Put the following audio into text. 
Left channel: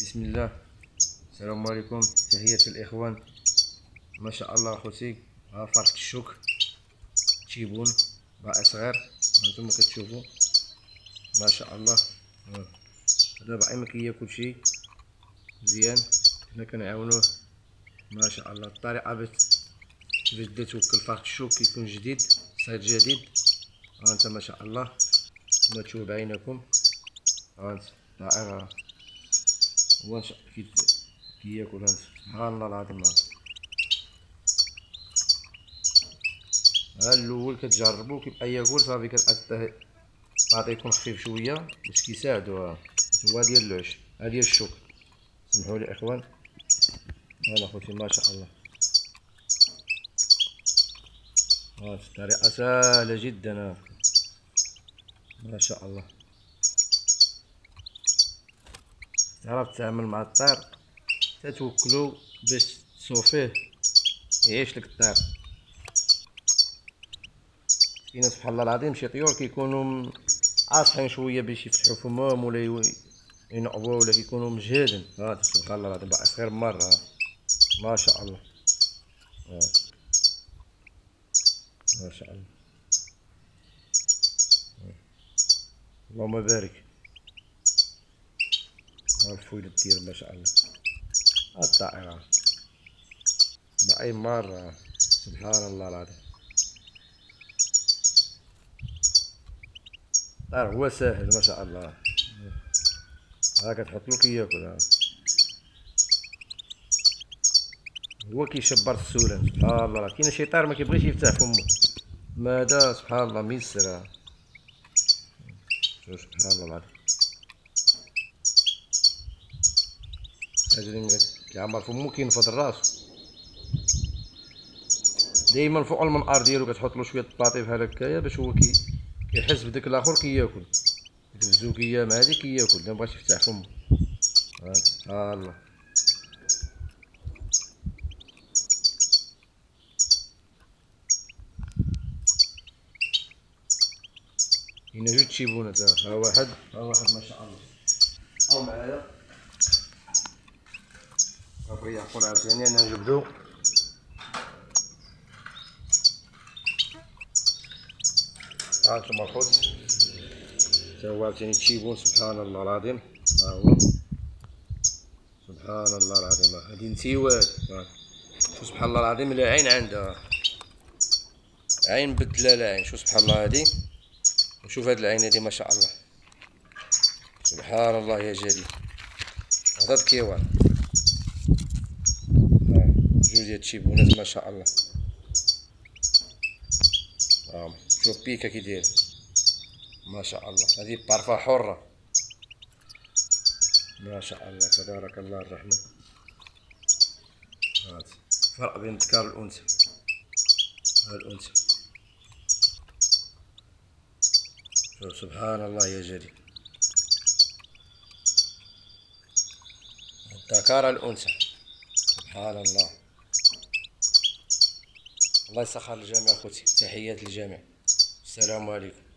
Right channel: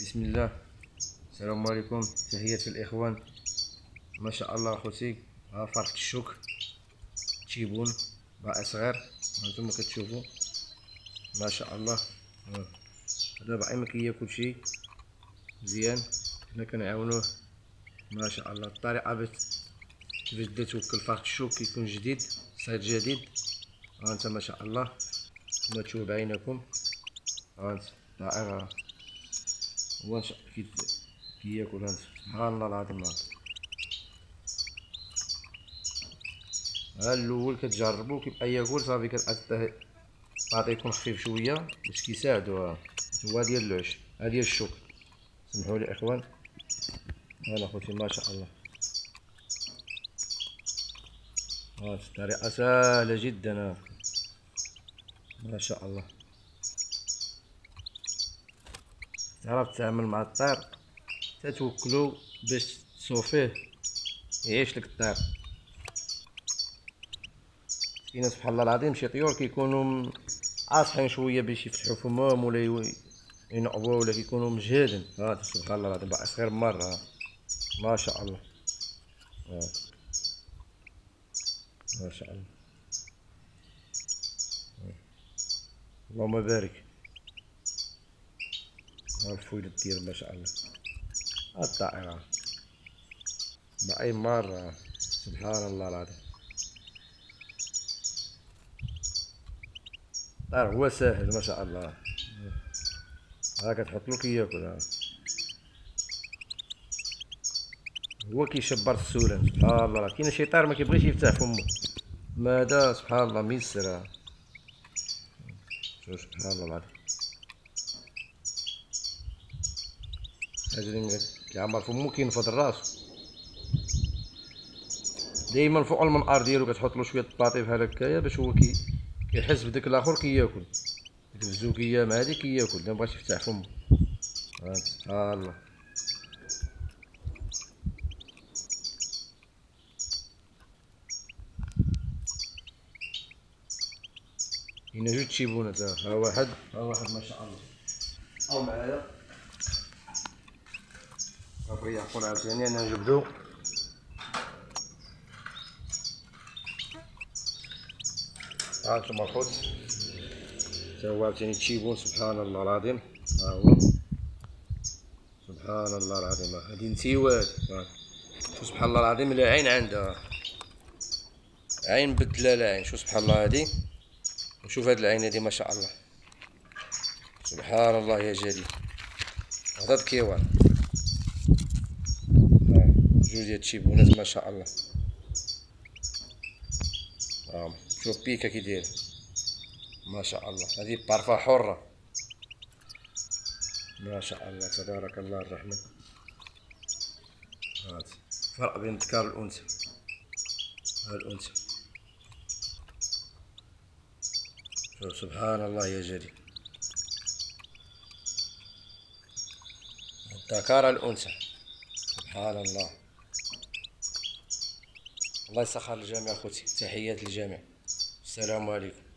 بسم الله. السلام عليكم، تحية الإخوان. ما شاء الله خوتي، ها فرخة الشوك تيبون باقي صغير، هانتوما كتشوفوا ما شاء الله. هذا باقي ما كياكل شي مزيان، حنا كنعاونوه ما شاء الله. الطريقة باش توكل فرخة الشوك كيكون جديد، صيد جديد. هانت ما شاء الله كما تشوفوا بعينكم، هانت طائر هو كياكل. هانت سبحان الله العظيم. ها الاول كتجربو كيبقى ياكل صافي، كتعطيه يكون خفيف شويه باش كيساعدو. هو ديال العش، ها ديال الشوك. سمحوا لي اخوان، هانا خوتي ما شاء الله. ها الطريقه سهله جدا، ما شاء الله. تعرف تتعامل مع الطير، تتوكلو باش تصوفيه يعيش لك الطير. كاين سبحان الله العظيم شي طيور كيكونوا عاصحين شويه باش يفتحوا فمهم ولا ينقبوا، ولا كيكونوا مجهدين. ها سبحان الله العظيم باقي صغير مره، ما شاء الله. ما شاء الله، اللهم بارك. ها الفويلة ديال ما شاء الله. ها الطائرة باقي مرة، سبحان الله العظيم. الطائر هو ساهل ما شاء الله. ها كتحطلو كياكل، هو كيشبر السولان. سبحان الله، كاين شي طير ما كيبغيش يفتح فمو، ما هذا سبحان الله ميسر. شوف سبحان الله العظيم، حاجة اللي كيعمر فمو كينفض راسو دايما فوق المنقار ديالو. كتحطلو شوية الباطي بحال هكايا باش هو كيحس بداك الاخر كياكل، ديك الزوكية مع هادي كياكل، مبغاش يفتح فمو. سبحان الله. كاين جوج تشيبونات، ها واحد ما شاء الله، او معايا. بغي يعقل عاوتاني انا نجبدو. ها انتوما الخوت، تا هو عاوتاني تشيبون. سبحان الله العظيم، ها هو سبحان الله العظيم. هادي نتيوات، شوف سبحان الله العظيم. لا عين عندها، عين بدلا لا عين. شوف سبحان الله هادي، وشوف هاد العين هادي ما شاء الله. سبحان الله يا جليل. هذا الكيوان، جوج ديال التشيبونات ما شاء الله. شوف بيكا كي داير ما شاء الله. هذه بارفا حرة ما شاء الله، تبارك الله الرحمن. هاد فرق بين الذكر والانثى. ها الانثى، شوف سبحان الله يا جليل. الذكر الانثى، سبحان الله. الله يسخر الجميع خوتي، تحيات للجميع. السلام عليكم.